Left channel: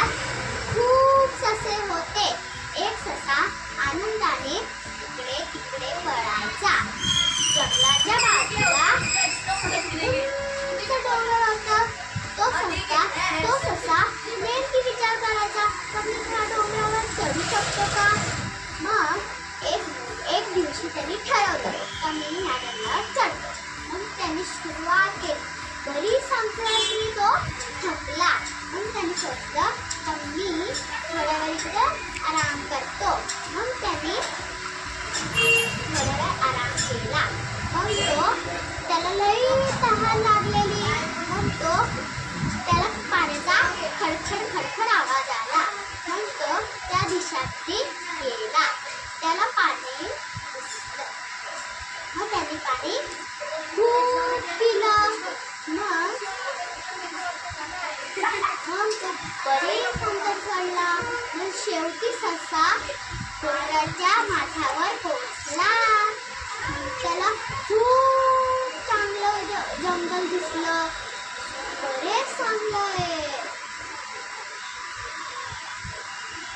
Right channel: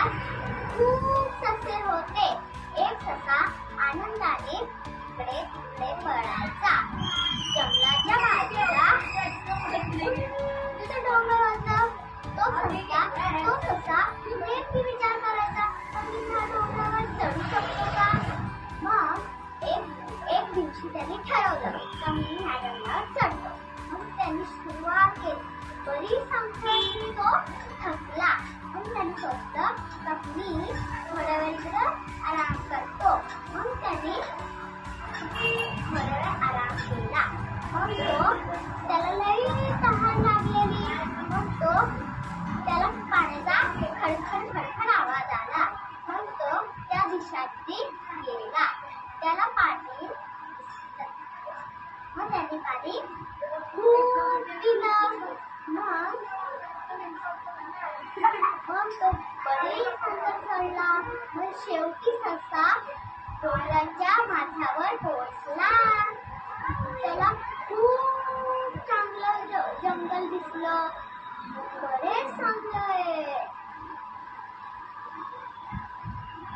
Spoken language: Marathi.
जंगलात खूप ससे होते. एक ससा आनंदाने इकडे तिकडे पळायचा. जंगलाच्या बाजूला एक डोंगर होतं. तो ससा नेमकी विचार करायचा, आपण ह्या डोंगरावर चढू शकतो का? मग एक दिवशी त्यांनी ठरवलं की मी ह्या डोंगरावर चढतो. मग त्यांनी सुरुवात केली. बरीच संख्येने तो थकला. मग त्यांनी सोचलं तर मी थोड्या वेळ इकडे आराम करतो. मग त्यांनी थोड्या वेळ आराम केला. मग त्याला लई तहान लागलेली. मग त्याला पाण्याचा खडखड आवाज आला. मग तो त्या दिशेने गेला. त्याला पाणी मग त्यांनी पाणी खूप पिलं. मग तो बरेच अंतर चढला. मग शेवटी ससा डोंगराच्या माथ्यावर पोहोचला. त्याला खूप चांगलं जंगल दिसलं. बरेच चांगलं आहे.